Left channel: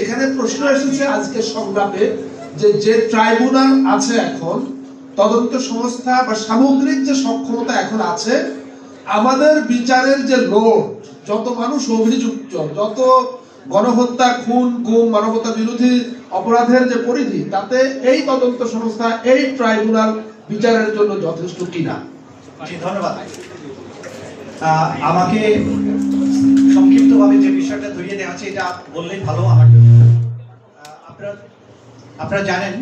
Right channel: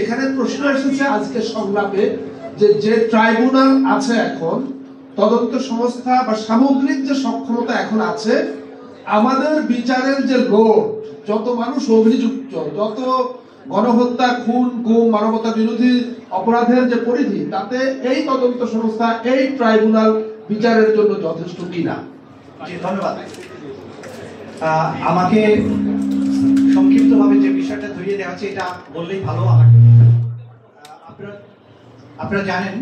এখানে প্রশ্ন এসেছে আজকে সংলাপে যে ট্রাইব্যুনাল আছে এখন, তদন্ত সংস্থা বা সামগ্রিক যে সক্ষমতা এখন আছে, আমাদের বিচারের যে লোড, যত মানুষ অভিযুক্ত, যত গণহত্যা, খুন, গুম, মানবতা বিরোধী অপরাধের যে পরিধি, তাতে এই তদন্ত সংস্থা, এই ট্রাইব্যুনাল বিচারের জন্য যথেষ্ট কিনা। জি, ধন্যবাদ। আমাকে সংক্ষিপ্তভাবে যে বিষয়টা ধরিয়ে দেওয়া হচ্ছে এটা বললেই ভালো আমার জন্য। আপনারা জানেন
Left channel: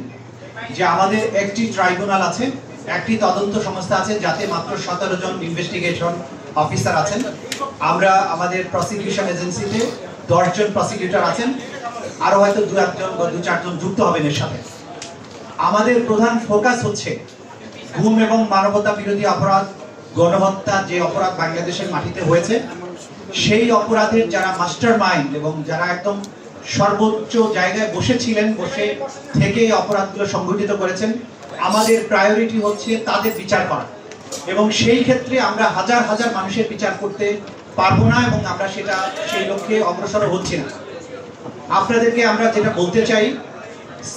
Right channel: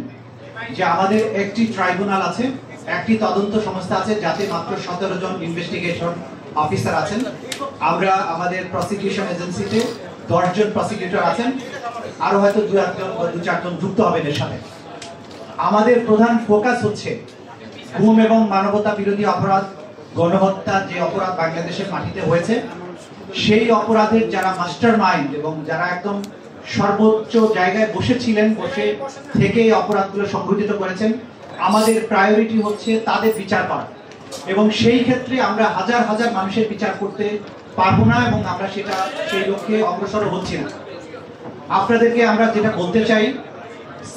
যে আমাদের একটি ট্রাইব্যুনাল আছে, একটি তদন্ত সংস্থা আছে, যাতে মাত্র 17 জন ইনভেস্টিগেশন অফিসার আছেন। আমরা আমাদের প্রসিকিউশন এজেন্সিতে 10 জন প্রসিকিউটর আছেন, আরো হয়তো 2-4 জন যুক্ত হবেন এর সাথে। আমাদের প্রধান ফোকাস হচ্ছে গুম এবং মানবতা বিরোধী অপরাধ, গণহত্যা যে অপরাধ বাংলাদেশের মাটিতে হয়েছে, সেই অপরাধের যারা মাস্টার মাইন্ড এবং যারা একদম সর্বোচ্চ জায়গায় বসেছিলেন, বসে থেকে অপরাধগুলো সংঘটিত করেছেন, আমাদের প্রায়োরিটি হচ্ছে তাদের বিচার করা। এবং সেই ক্ষেত্রে আমরা হাজার হাজার মানুষের বিচার করতে পারবো না এবং আমরা সেই লক্ষ্যে অগ্রসর হচ্ছি না। আপনাদেরকে আমরা যেটা বলতে চাই,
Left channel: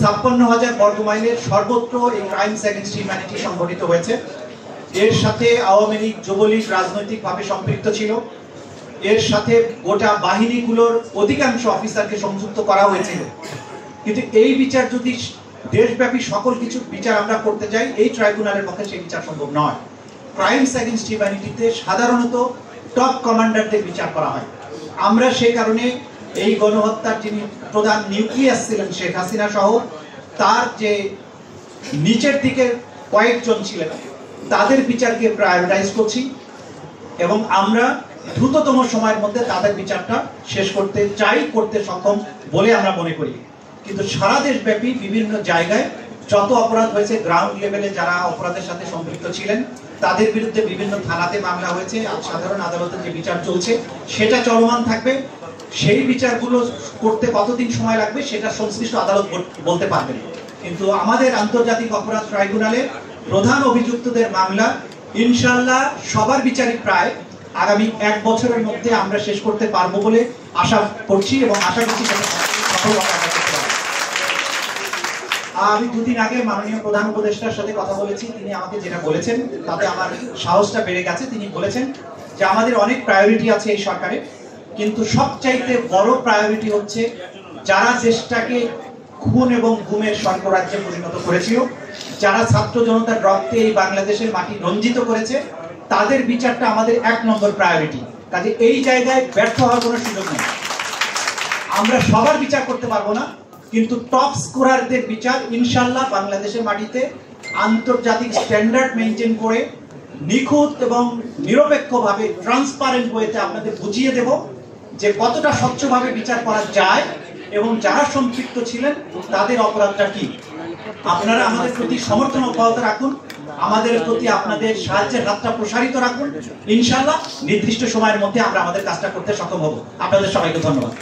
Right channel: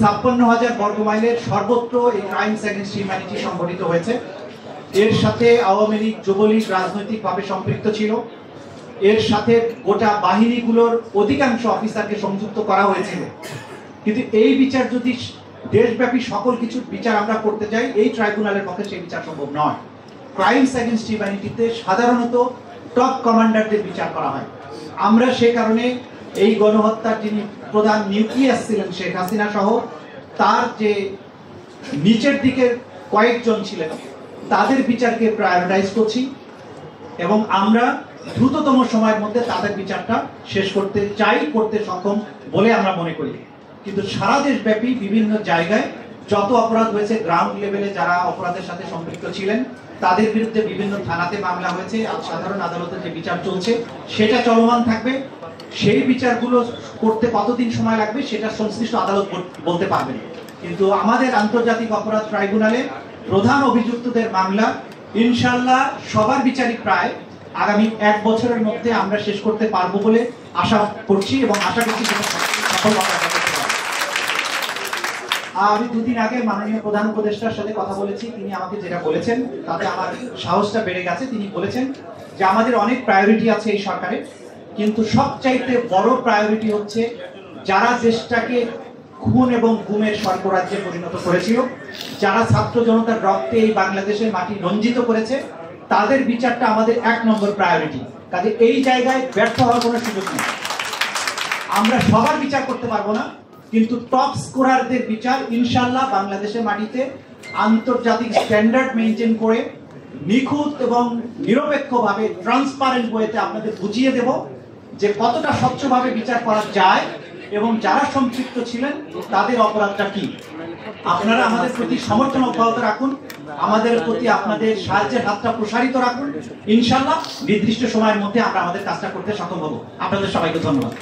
56,000 বর্গ মাইলের সর্বত্র এই ক্রাইমস এগেইনস্ট হিউম্যানিটি সংঘটিত হয়েছে। এর সাথে আওয়ামী লীগ, যুবলীগ রাজনৈতিকভাবে সম্পৃক্ত ছিল। এর সাথে গোটা বাহিনীগুলোর অধিকাংশ অফিসারকে সংযুক্ত করা হয়েছিল। কিন্তু এই বিচার যদি দেশব্যাপী সকল কিছু বিচার আমরা করতে যাই, এই ট্রাইব্যুনালের পক্ষে সেই বিচার সম্ভব নয়। ক্রাইমস এগেইনস্ট হিউম্যানিটিতে সাধারণত টপ কমান্ডারদের বিচার করা হয়। আমরা সেই কারণে এই গণহত্যার যিনি প্রধান নিউক্লিয়াস ছিলেন শেখ হাসিনা সহ তার যে নিচের দিকে কয়েকজন ছিলেন, তাদের বিচারকে প্রায়োরিটাইজ করছি এবং আমরা দ্রুততম সময়ের মধ্যে তাদের বিচারটা শেষ করতে চাই, করতে সক্ষম বলে আমরা মনে করি। কিন্তু সারা দেশব্যাপী বিভিন্ন জায়গায় যত অপরাধ হয়েছে, গ্রাউন্ড লেভেলে যারা অপরাধের সাথে সম্পৃক্ত ছিলেন তাদের বিরুদ্ধে বিভিন্ন থানাতে মামলা হয়েছে, সাধারণ আদালতে যে বিচার চলছে সেটা চলমান থাকবে। সেই বিচারগুলো করতে কতদিন সময় লাগবে সেটা সংশ্লিষ্ট আদালত বলতে পারবেন। কিন্তু আমাদের আন্তর্জাতিক অপরাধ ট্রাইব্যুনালে প্রধান অভিযুক্তদের মামলা ইনশাআল্লাহ সবার বিচারই প্রায় আগামী 1 বছরের মধ্যে আমরা শেষ করতে পারবো বলে আশা করছি এবং আশা করছি সেটা সফলতা। আমি 2 দিন আগে মাননীয় প্রধান উপদেষ্টার সাথে কথা বলেছি, তিনি আমাকে যেটা বলেছেন তাতে আমার সাহসটা বেড়ে গেছে। তিনি বলেছেন যে আমাদের অনেক প্রায়োরিটি আছে এই সরকারে, কিন্তু সবচাইতে বড় প্রায়োরিটি হচ্ছে যারা দেশটাকে খুন এবং গুমের স্বর্গরাজ্যে পরিণত করেছিল, যারা ছাত্র জনতার রক্তে এই বাংলাদেশের মাটি রঞ্জিত করেছে, তাদের বিচারটা আমাদের 1 নম্বর প্রায়োরিটি। কাজে এই জায়গায় ব্যর্থ হওয়ার কোনো সুযোগ নেই। আমরা সবার বিচার করতে পারবো না, কিন্তু টপ স্কোরারদের বিচার ইনশাআল্লাহ বাংলাদেশের মাটিতে আন্তর্জাতিক স্ট্যান্ডার্ড মেনটেন করে নিখুঁত এবং নিরপেক্ষভাবে ট্রান্সপারেন্ট ওয়েতে আপনাদের বুঝিয়ে দেব যে কতটা স্বচ্ছভাবে বিচার করা যায় এবং যারা সম্পৃক্ত ছিলেন তাদের অপরাধটা কি। আপনারা আমাদের প্রতি সমর্থন অব্যাহত রাখুন, আমাদের প্রতি আপনাদের সাহায্যের হাতটা প্রসারিত রাখুন। ইনশাআল্লাহ নির্দিষ্ট সময়ের মধ্যে আমরা আমাদের কাজটা করতে সক্ষম হব। আপনাদের সবাইকে ধন্যবাদ।